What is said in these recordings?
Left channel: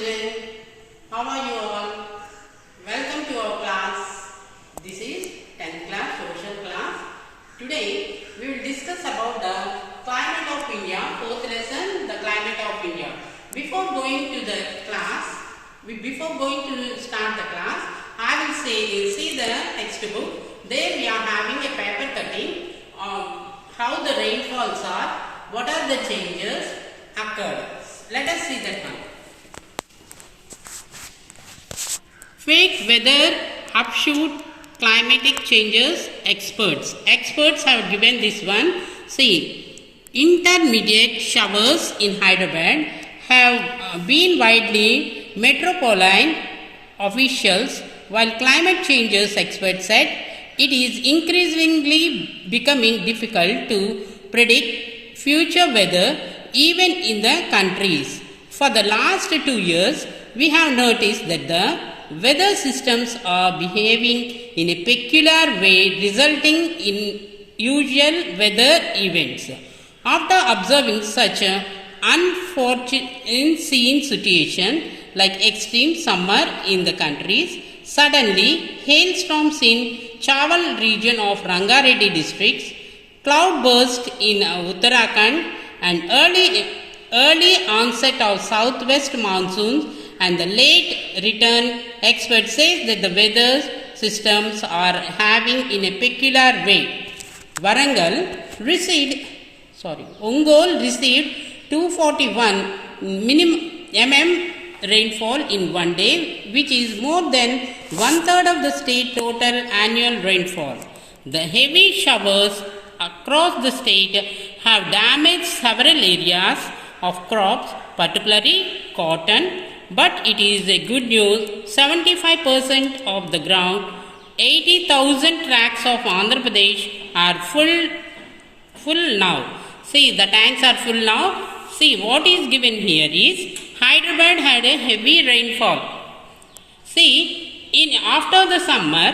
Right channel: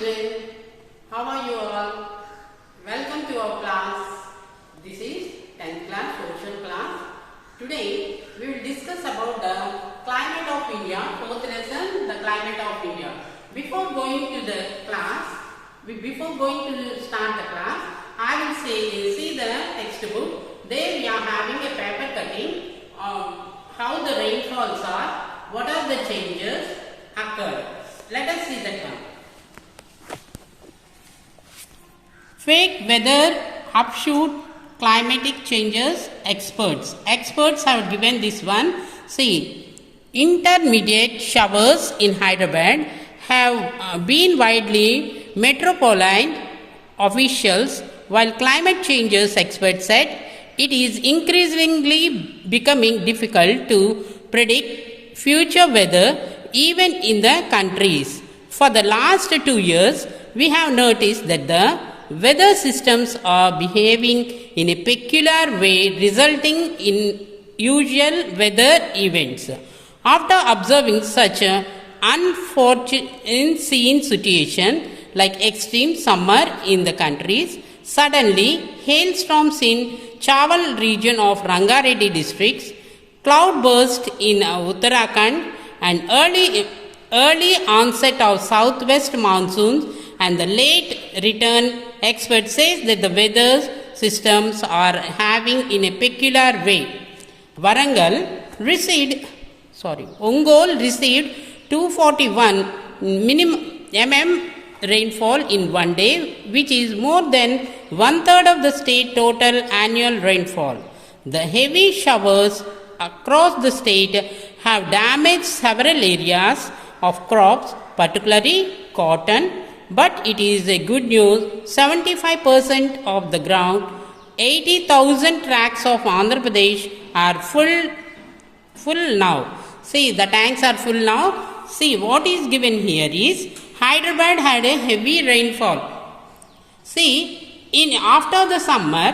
children, how are you all? Welcome to our class. This is 10th class social class. Today we will discuss about the climate of India, fourth lesson, the climate of India. Before going to the class, before going to start the class, I will see the textbook. There we are having a paper cutting of how the rainfalls are, what are the changes occurred. Let us see that one. Fake weather upshoot climatic changes experts. Experts have given this one. See, intermediate showers in Hyderabad have been widely metropolitan officials, while climate changes experts said it is increasingly becoming difficult to predict future weather even in the countries. For the last 2 years, we have noticed that the weather systems are behaving in a peculiar way, resulting in unusual weather events. After observing such an unforeseen situation like extreme summer in the countries, suddenly hailstorms in Chawal region of Rangareddy districts, cloudburst in Uttarakhand, and early onset of southwest monsoons and the late return, experts say that the weather systems are having in a peculiar way. Ongole received 241 mm rainfall in one day, which is more than 1/3 of the state total annual rainfall. The heavy showers across the state have damaged several areas of crops, particularly cotton. But it is a good news, 75% of the ground, 80,000 tracts of Andhra Pradesh are full now. See, the tanks are full now. See, what is given here is Hyderabad had a heavy rainfall. See, after the summer,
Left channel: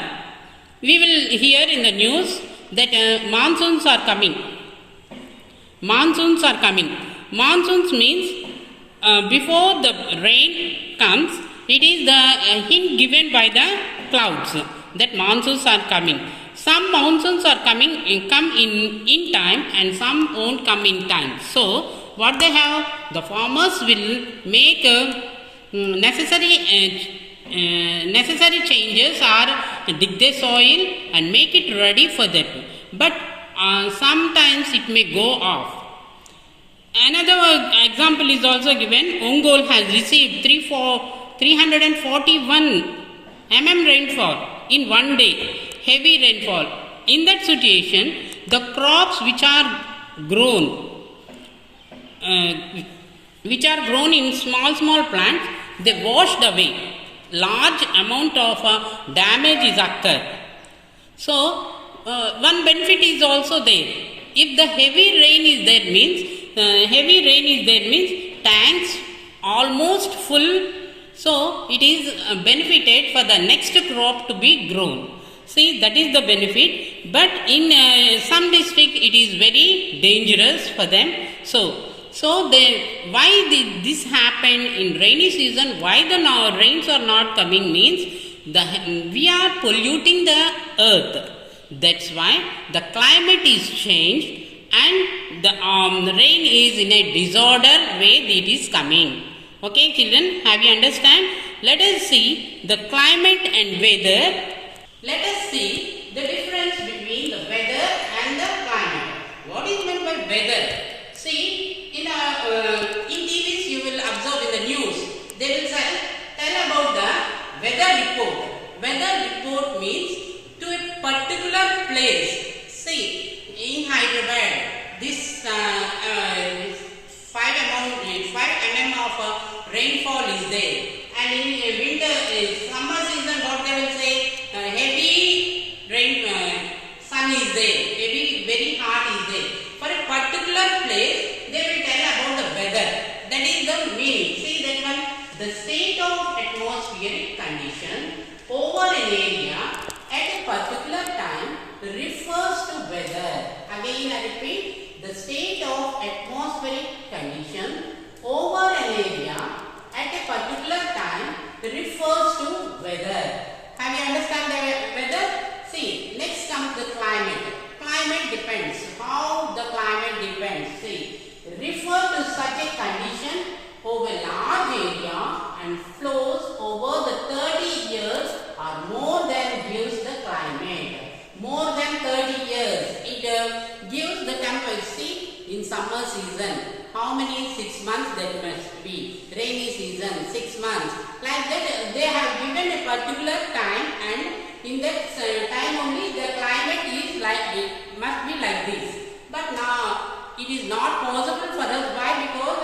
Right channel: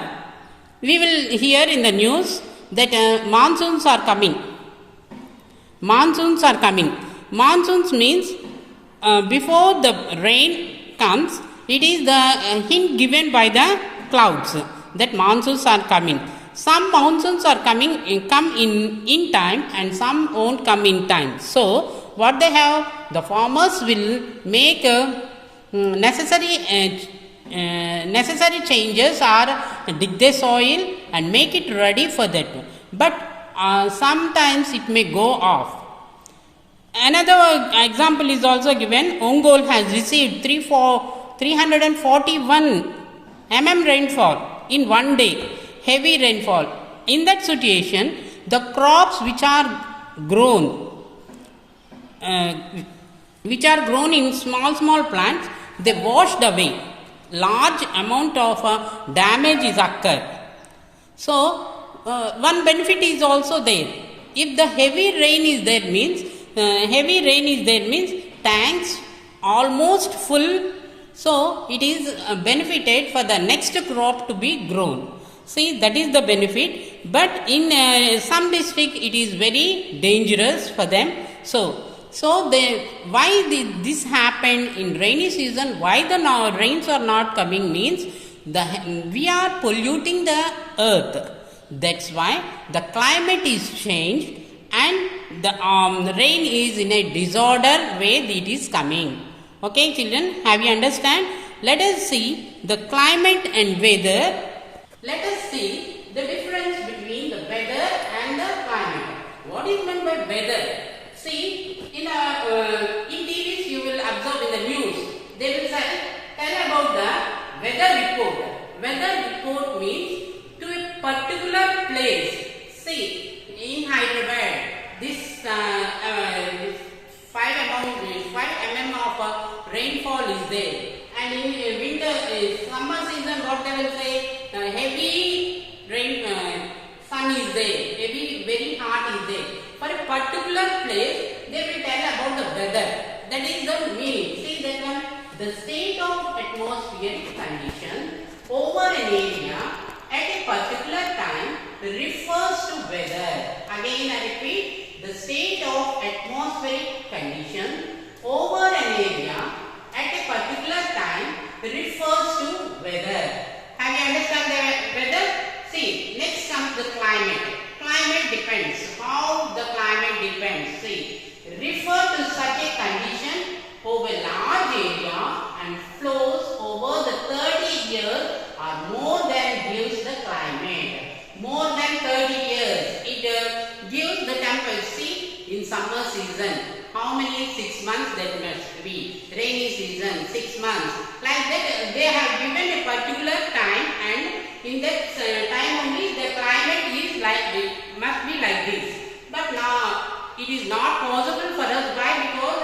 we will hear in the news that monsoons are coming. Monsoons are coming. Monsoons means before the rain comes, it is the hint given by the clouds that monsoons are coming. Some monsoons are come in time and some won't come in time. So, what they have, the farmers will make necessary changes or dig the soil and make it ready for that. But sometimes it may go off. Another example is also given. Ongole has received 341 mm rainfall in one day, heavy rainfall. In that situation, the crops which are grown in small plants, they washed away. Large amount of damage is occurred. So, one benefit is also there. If the heavy rain is there means tanks almost full, so it is benefited for the next crop to be grown. See, that is the benefit, but in some district it is very dangerous for them. So why this happened in rainy season, why the rains are not coming means we are polluting the earth. That's why the climate is changed and the rain is in a disorder way it is coming. Okay children, have you understand? Let us see the climate and weather. Let us see the difference between the weather and the climate. What is meant by weather? See, in TVs you will observe in the news, they will tell about the weather report. Weather report means to a particular place. See, in Hyderabad, this 5 mm of rainfall is there, and in winter, summer season, what they will say, heavy rain, sun is there, very hot is there. For a particular place, they will tell about the weather. That is the meaning. See that one, the state of atmospheric condition over an area at a particular time refers to weather. Again I repeat, the state of atmospheric condition over an area at a particular climate depends. How the climate depends? See, refer to such a condition over a large area and flows over the 30 years or more than gives the climate. More than 30 years, it gives the temperature. See, in summer season, how many 6 months that must be? Rainy season, 6 months. Like that, they have given a particular time, and in that time only the climate is like it must be like this. But now it is not possible for us. Why? Because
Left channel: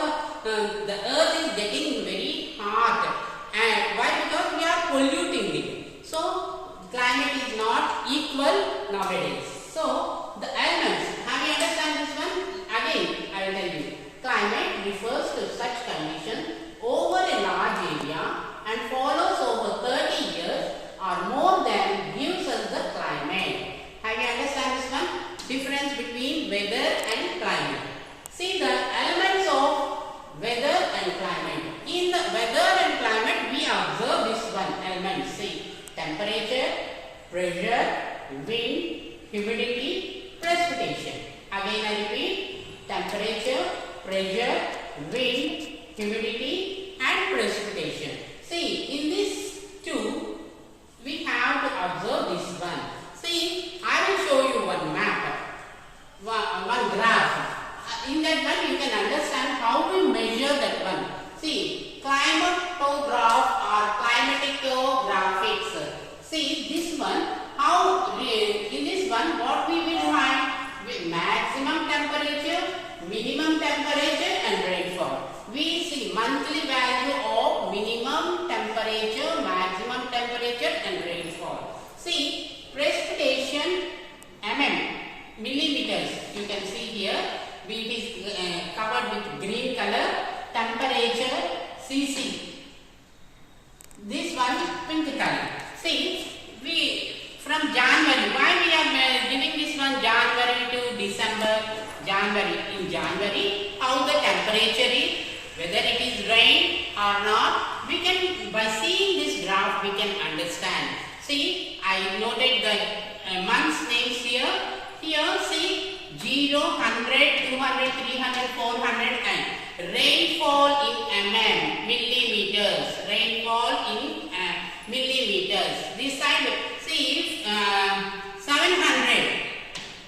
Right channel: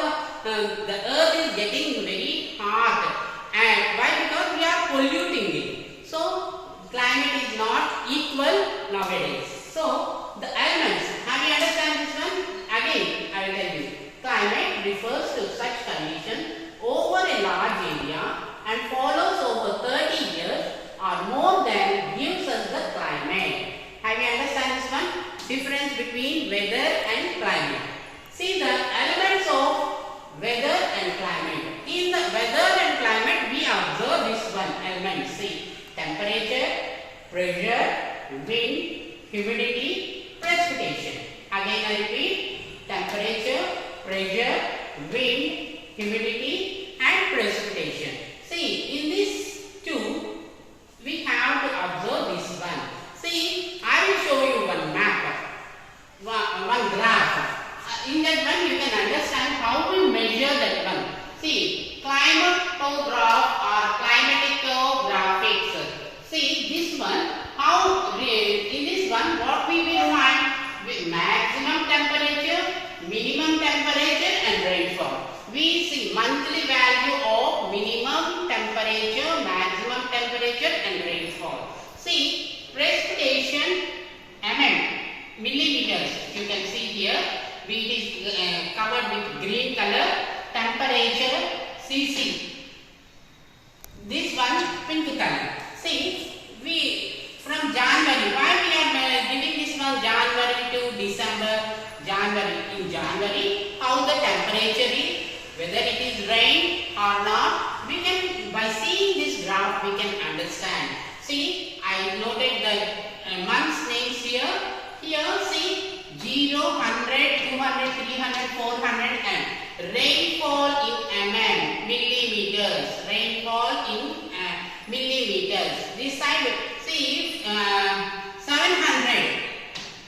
the earth is getting very hot, and why? Because we are polluting it. So climate is not equal nowadays. So the elements, have you understand this one? Again, I will tell you. Climate refers to such condition over a large area and follows over 30 years or more than gives us the climate. Have you understand this one? Difference between weather and climate. See the elements of weather and climate. In the weather and climate, we observe this one element. See, temperature, pressure, wind, humidity, precipitation. Again I repeat, temperature, pressure, wind, humidity and precipitation. See, in these two, we have to observe this one. See, I will show you one map, one graph. In that one, you can understand how we measure that one. See, climatograph or climatic graphics. See, this one, how in this one, what we will find? Maximum temperature, minimum temperature and rainfall. We see monthly value of minimum temperature, maximum temperature and rainfall. See, precipitation millimeters. You can see here, it is covered with green color. Temperature cc. This one pink color. See, we from January. Why we are giving this one January to December? January. In January, how the temperature is, whether it is rain or not, we can, by seeing this graph, we can understand. See, I noted the months names here. Here, see, 0, 100, 200, 300, 400 and rainfall in millimeters. Rainfall in millimeters. This side, see, 700.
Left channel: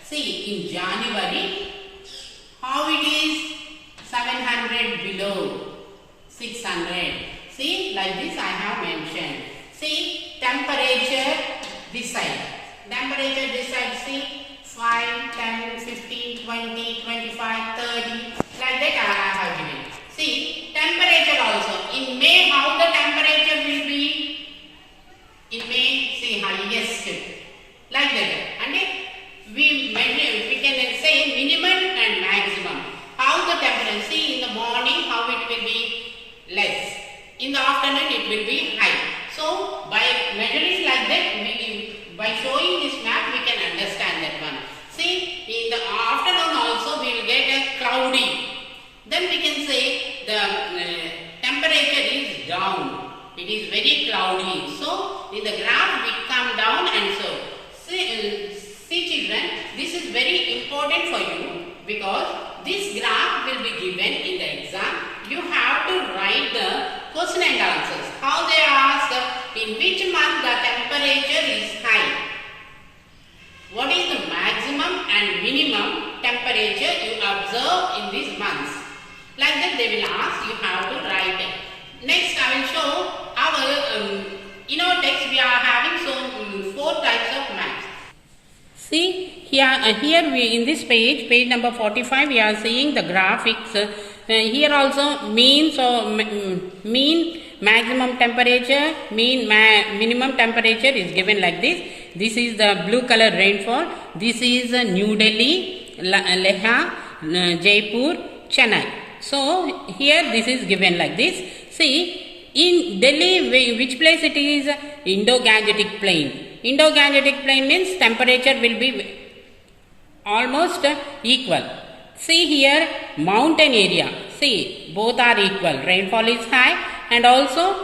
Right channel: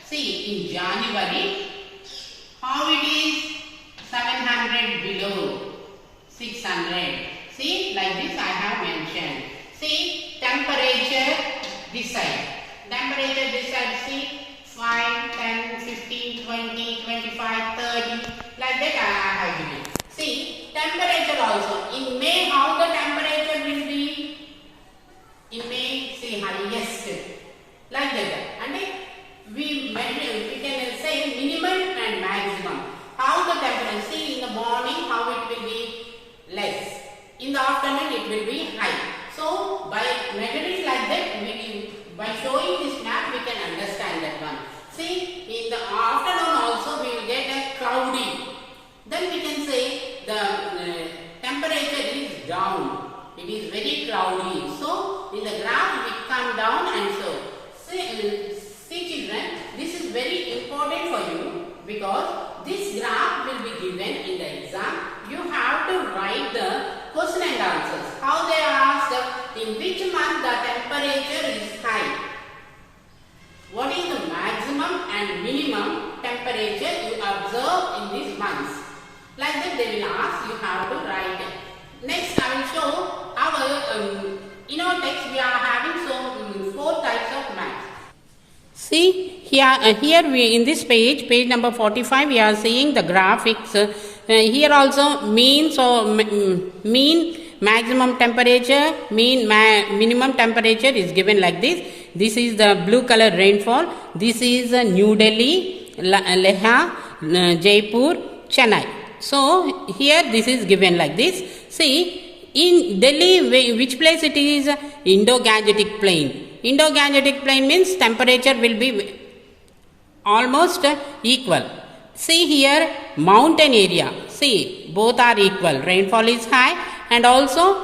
See, in January, how it is 700 below 600. See, like this I have mentioned. See, temperature this side. Temperature this side, see, 5, 10, 15, 20, 25, 30. Like that I have given. See, temperature also. In May, how the temperature will be? In May, see, highest. Like that. And we can say minimum and maximum. How the temperature, see, in the morning how it will be less, in the afternoon it will be high. So by measuring like that, by showing this map we can understand that one. See, in the afternoon also we will get a cloudy. Then we can say the temperature is down. It is very cloudy. So in the graph we come down and so. See children, this is very important for you because this graph will be given in the exam. You have to write the question and answers. How they ask, in which month the temperature is high? What is the maximum and minimum temperature you observe in these months? Like that they will ask, you have to write it. Next I will show our, in our text we are having 4 types of maps. See, here we in this page number 45, we are seeing the graphics. Here also mean, so mean, maximum temperature, mean, minimum temperature is given like this. This is the blue color rainfall. This is New Delhi, Leh, Jaipur, Chennai. So here this is given like this. See, in Delhi, which place it is? Indo-Gangetic Plain. Indo-Gangetic Plain means temperature will be almost equal. See here, mountain area. See, both are equal. Rainfall is high and also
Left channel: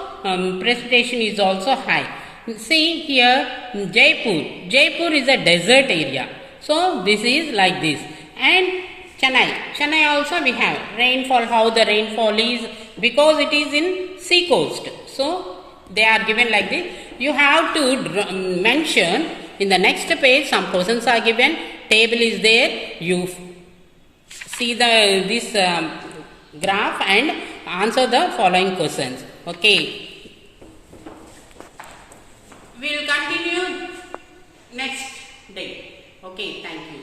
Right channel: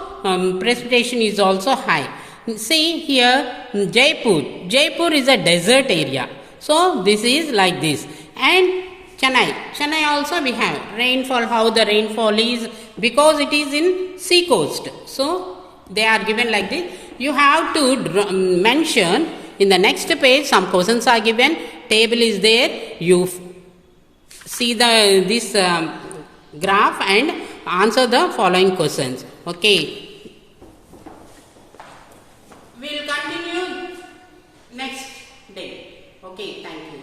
precipitation is also high. See here, Jaipur. Jaipur is a desert area. So this is like this. And Chennai also we have rainfall, how the rainfall is, because it is in sea coast. So they are given like this. You have to mention in the next page, some questions are given, table is there, you see this graph and answer the following questions. Okay. We will continue next day. Okay, thank you.